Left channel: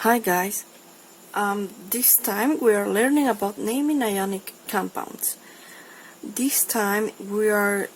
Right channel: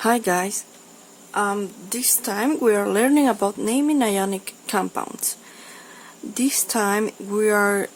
Hi guys, this time we are learning about naming ionic compounds. This time we are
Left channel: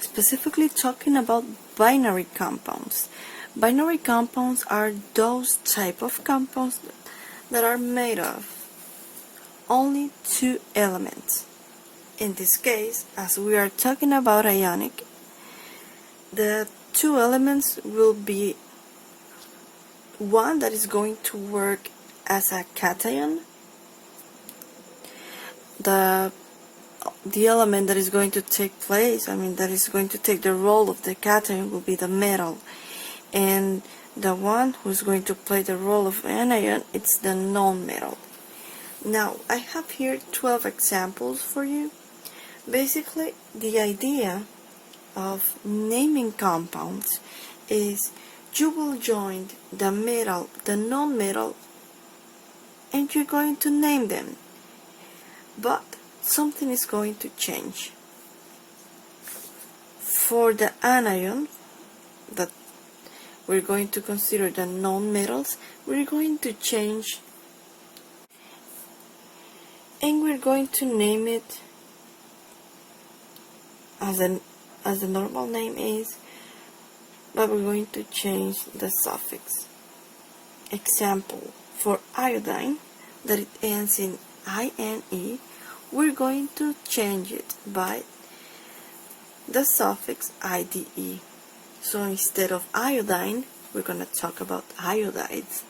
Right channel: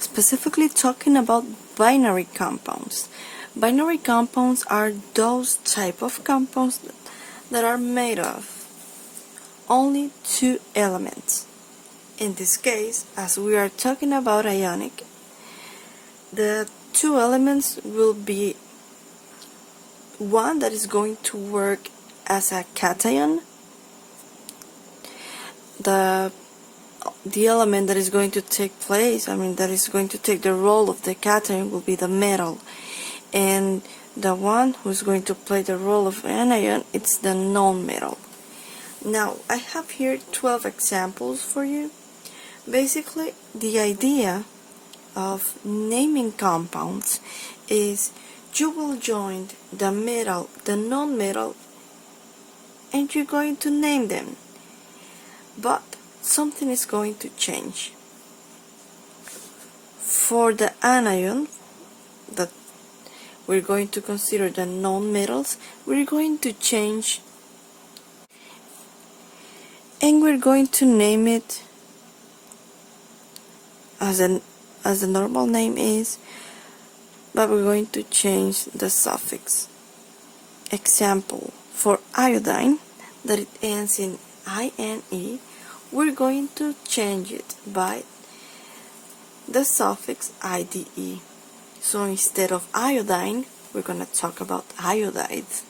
specifically talking about binary compounds. Binary compounds are those type of compounds that are made of only two elements. In this case, as we are talking about ionic, the two elements will be one that is going to work as a cation. The element that is going to take place, that is going to take the role of the cation will be the metal, and the one who is going to play the role of anion, it's the non-metal. Now I have here 12 examples for you. Basically, the idea of naming compounds is you will join the metal, the non-metal, and you're going to name them. But something is going to change. For the anion, that we're going to consider the non-metals, we're going to change, and we're going to name it as the normal name is, but we're going to change the suffix. Example, for iodine, that it ends in INE, we're going to change it by the suffix IDE. So instead of iodine, we're going to talk about iodides.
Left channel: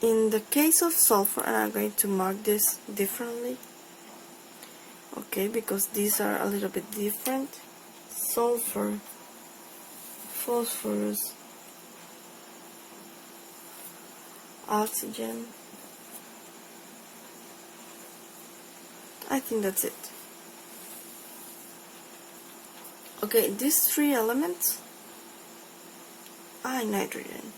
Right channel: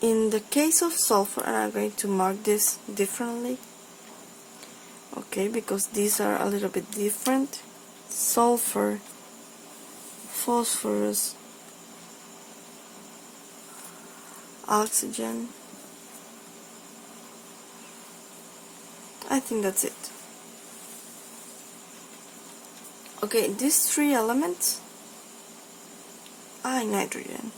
In the case of sulfur, and I'm going to mark this differently, okay, because these are a little bit different. Sulfur, phosphorus, oxygen. I think that's it. Okay, these three elements are nitrogen.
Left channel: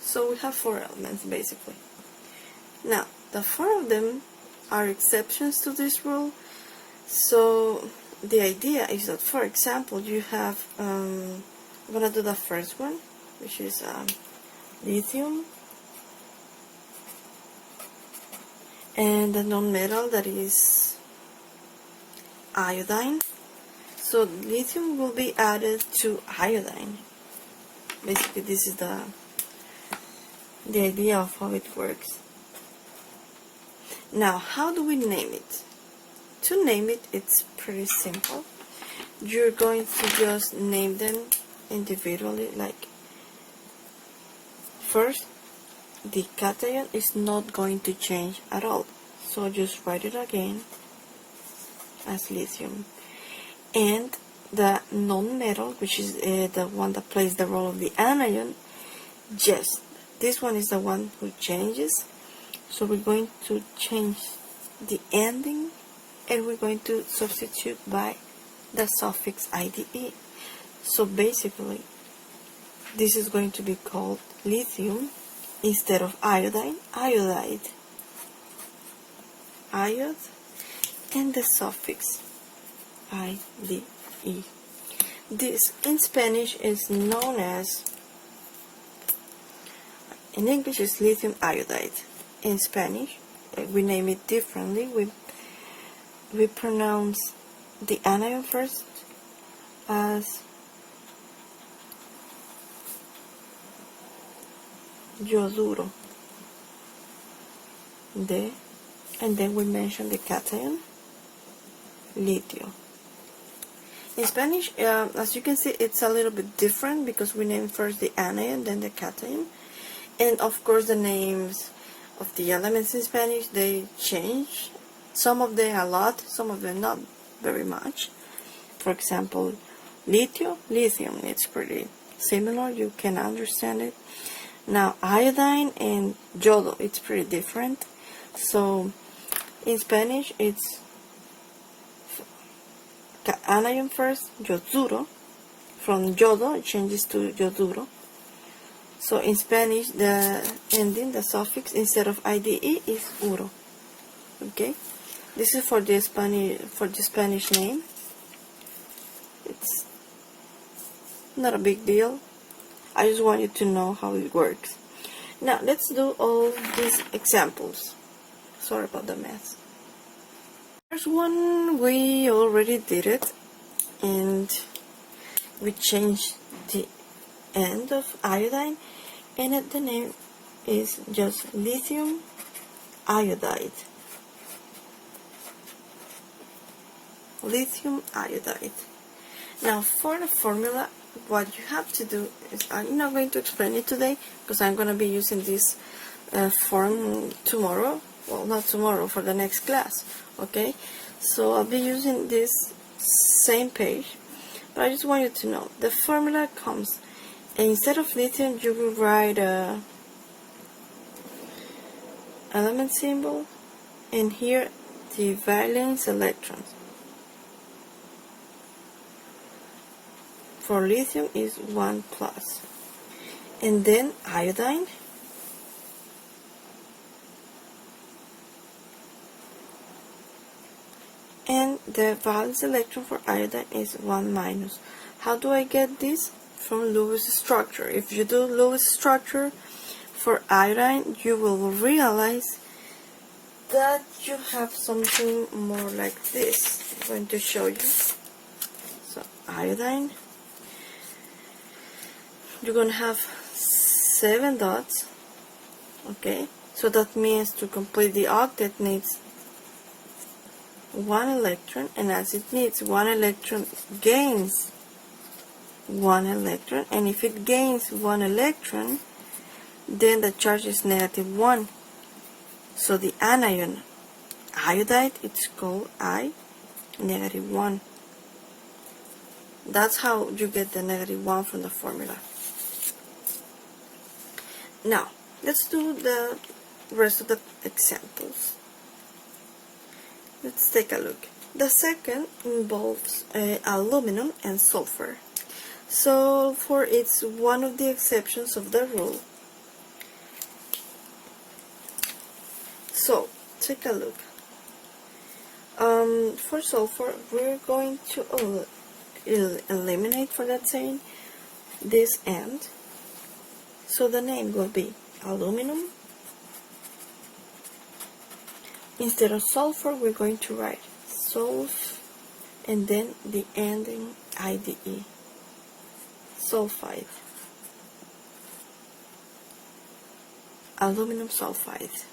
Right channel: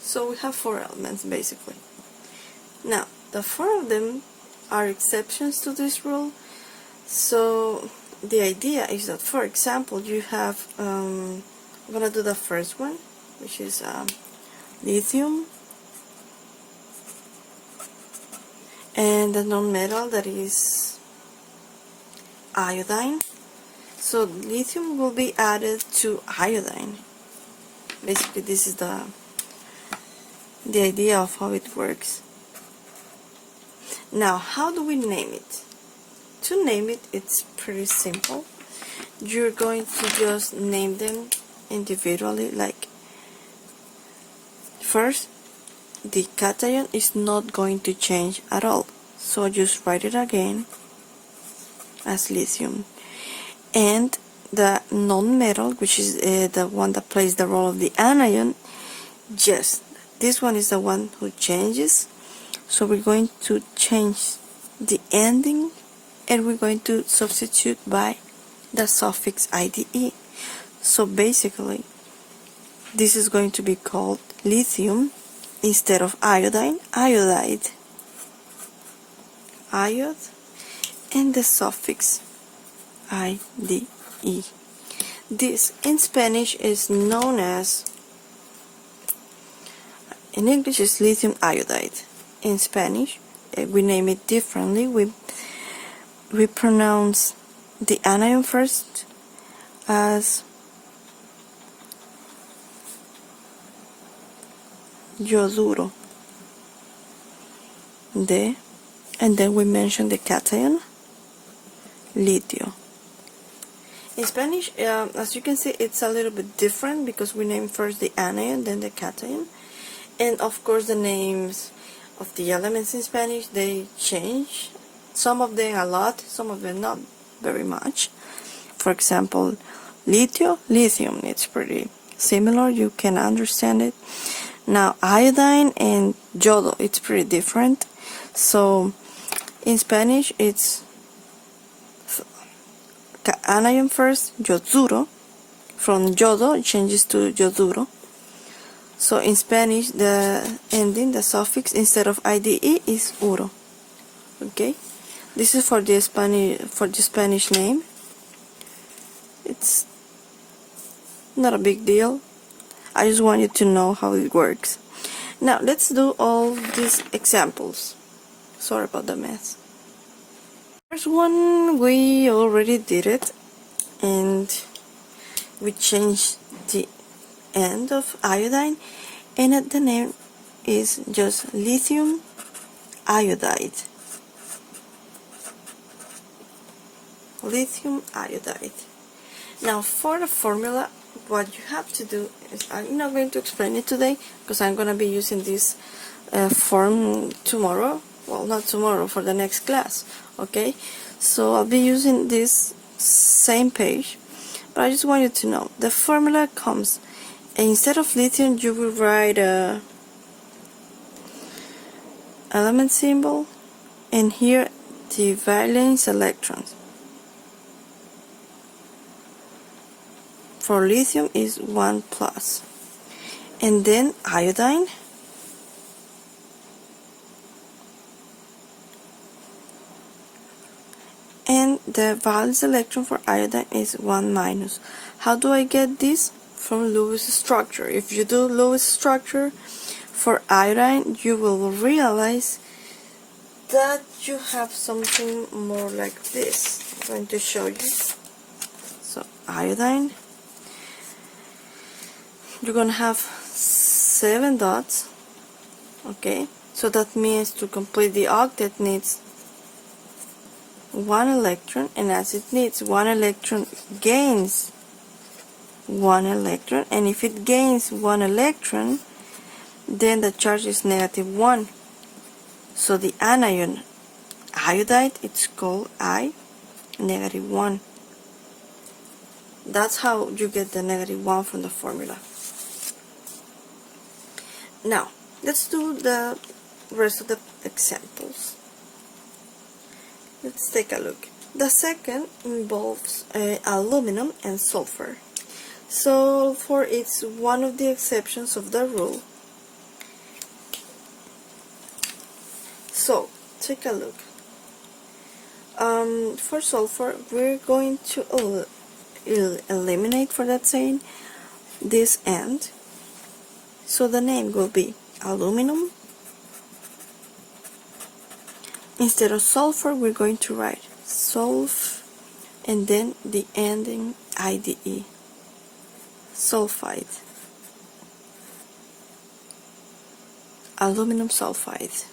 So we have four elements basically. Now, the four of them are exceptions to this rule. So the idea is that, for example, you have, I'm going to do the first one, which is lithium, and the non-metal, that is iodine. So lithium will be added to iodine. Basically, this is the idea of how it works. Now, how do we name it? To name it, it's pretty simple. You're going to just name them individually. Like, first, the cation is not going to change at all, so just write it again as lithium. And the non-metal, which is the one that plays the role of the anion, yes, this one is the one who changes, so we're going to change the ending, and we're going to substitute by the suffix IDE. So basically, this is going to be called lithium instead of iodine, iodide, iod, and the suffix IDE. This in Spanish is known as, in English is lithium iodide. In Spanish, we name it differently. We pronounce the anion first as yoduro, and then we mention the cation, litio. In Spanish, as you can see, it's a little bit different because we name first the anion, then the cation, and of course the names of the elements in Spanish, they change. Some of them a lot, some of them not very much. For example, litio, lithium, it's pretty similar, you can understand it. Now iodine and yodo, it's pretty different. So in Spanish it's anion first, yoduro. From yodo it changes to yoduro. So in Spanish the ending, the suffix instead of IDE is uro. Okay, This is for the Spanish name. It's not a big deal. I just want you to know how it works. Now let's do all these examples. Sorry about the mess. First one, we already did it, and we changed the end of iodine, and the name is just lithium iodide. Lithium iodide. Now for the formula, what you have to do is, I'm not going to explain it today because I'm going to be using this form tomorrow. Well, not tomorrow, for the next class. Okay, so I'll be using this same page, but I just want you to know the formula comes, and instead of lithium you will write a element symbol, and here the valence electrons. For lithium is 1 plus, and then iodine, and the valence electron for iodine is 1 minus. How do I get this? From Lewis structure. If you do Lewis structure for iodine, you will realize that you have something more like this. I'm going to show you. So iodine, you're going to have 7 dots. Okay, so that means to complete the octet needs 1 electron, and as it needs 1 electron, gains 1 electron, and if it gains 1 electron, then the charge is -1. So the anion iodide, it's called I -1. That's how you get the -1 from the formula. Now let's do the rest of the examples. Let's take a look. The second involves aluminum and sulfur. Sulfur is one of the exceptions of the rule. So take a look. For sulfur, we're going to eliminate, for that saying, this end. So the name will be aluminum. Instead of sulfur, we're going to write sulf, and then the ending IDE, sulfide, aluminum sulfide.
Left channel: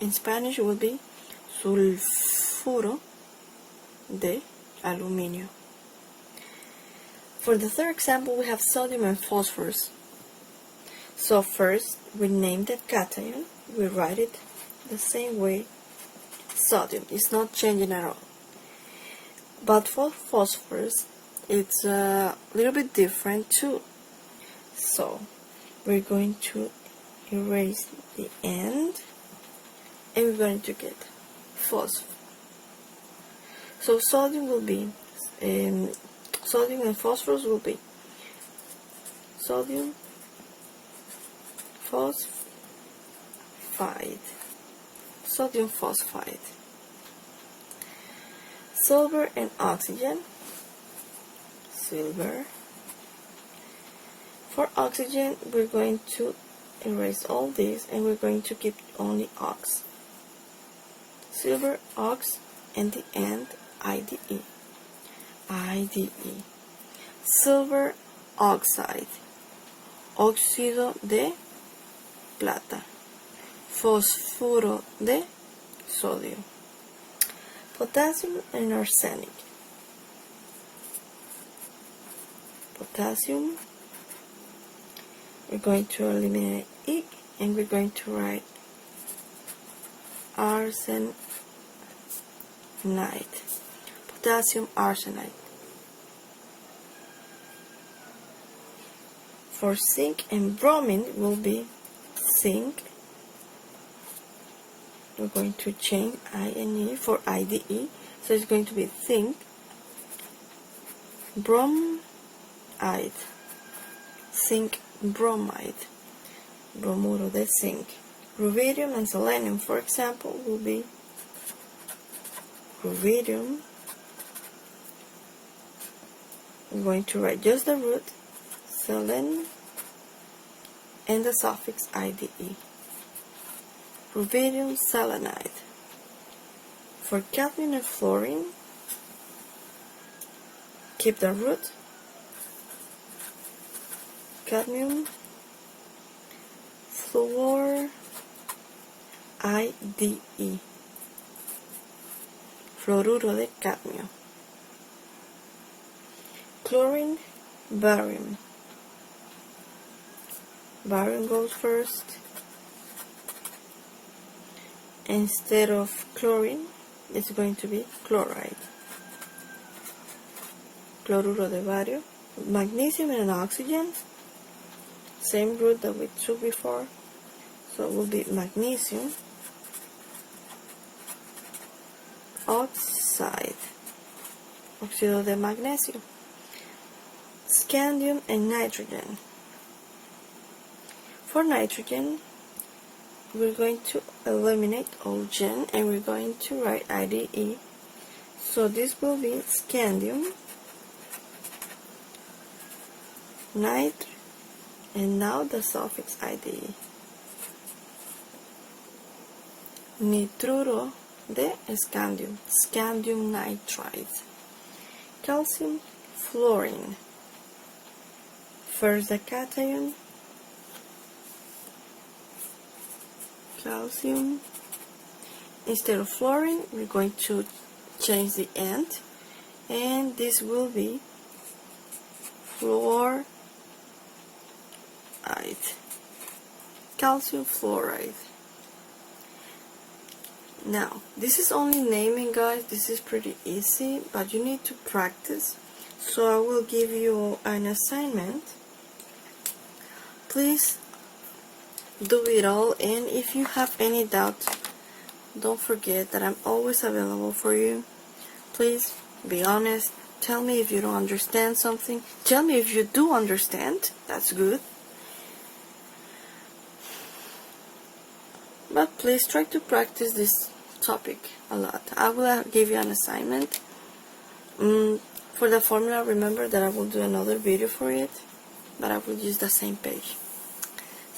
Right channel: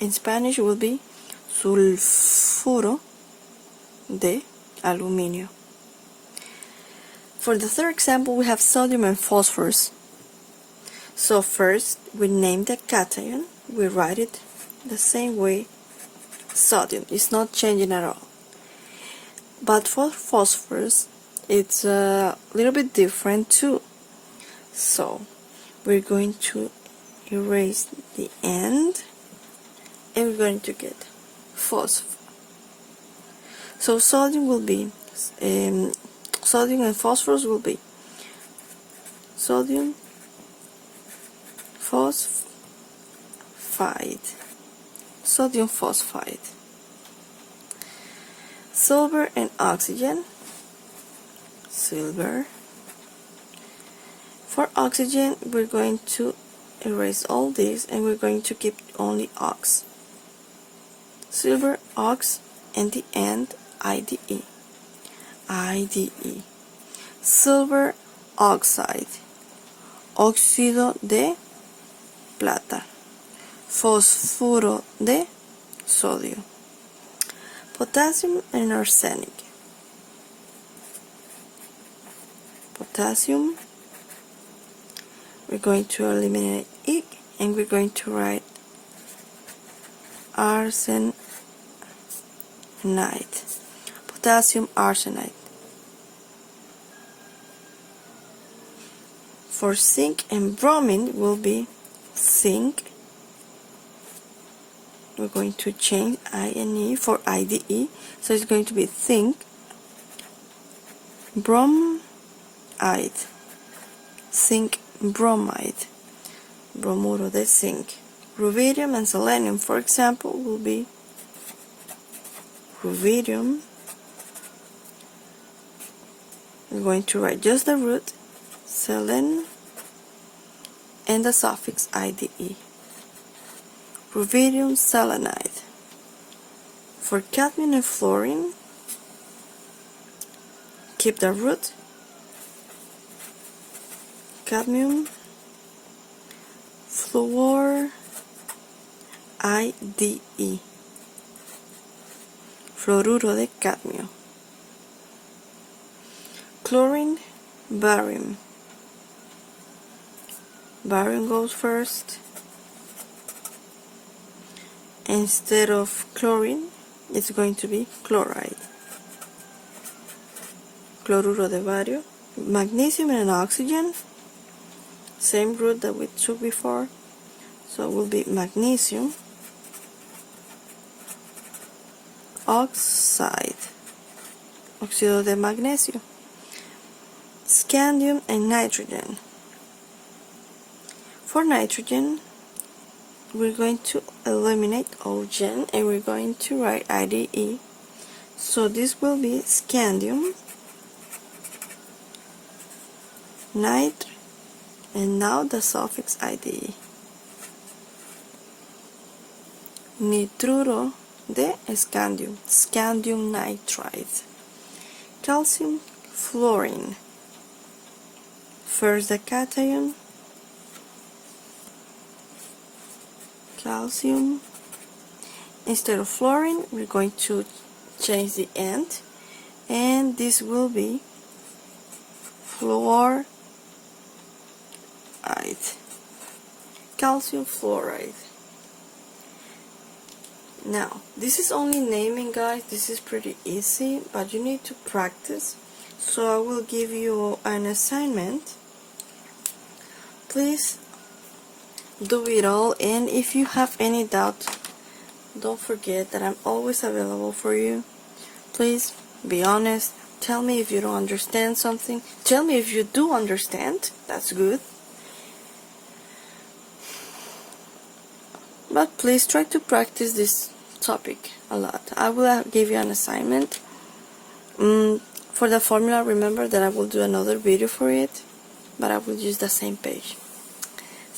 In Spanish will be sulfuro de aluminio. For the third example, we have sodium and phosphorus. So first, we name the cation, we write it the same way. Sodium is not changing at all. But for phosphorus, it's a little bit different too. So we're going to erase the end, and we're going to get phosphor. So sodium will be, sodium and phosphorus will be sodium phosphide, sodium phosphide. Silver and oxygen, silver. For oxygen, we're going to erase all these, and we're going to keep only ox. Silver, ox, and the end IDE. IDE. Silver oxide, óxido de plata, fosfuro de sodio. Potassium and arsenic. Potassium, we're going to eliminate it, and we're going to write arsenite. Potassium arsenite. For zinc and bromine will be zinc. We're going to change INE for IDE, so it's going to be zinc, bromide, zinc bromide, bromuro de zinc. Rubidium and selenium, for example, will be rubidium. We're going to write just the root, selen, and the suffix IDE. Rubidium selenide. For cadmium and fluorine, keep the root, cadmium, fluor, IDE, fluoruro de cadmio. Chlorine, barium. Barium goes first. Instead of chlorine, it's going to be chloride. Chloruro de bario. Magnesium and oxygen, same root that we took before, so it will be magnesium oxide, óxido de magnesio. Scandium and nitrogen. For nitrogen, we're going to eliminate ogen and we're going to write IDE. So this will be scandium, nit, and now the suffix IDE. Nitruro de scandium, scandium nitride. Calcium fluorine. First the cation, calcium. Instead of fluorine, we're going to change the end, and this will be fluoride, calcium fluoride. Now, this is only naming, guys. This is pretty easy, but you need to practice. So I will give you an assignment. Please do it all, and if you have any doubt, don't forget that I'm always available for you. Please be honest. Tell me if you don't understand something. Tell me if you do understand. That's good. But please try to practice this topic a lot. I will give you an assignment. For the formula, remember that I will do another video for it, but I will use the same page.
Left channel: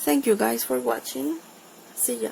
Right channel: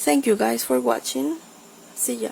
Thank you guys for watching. See ya.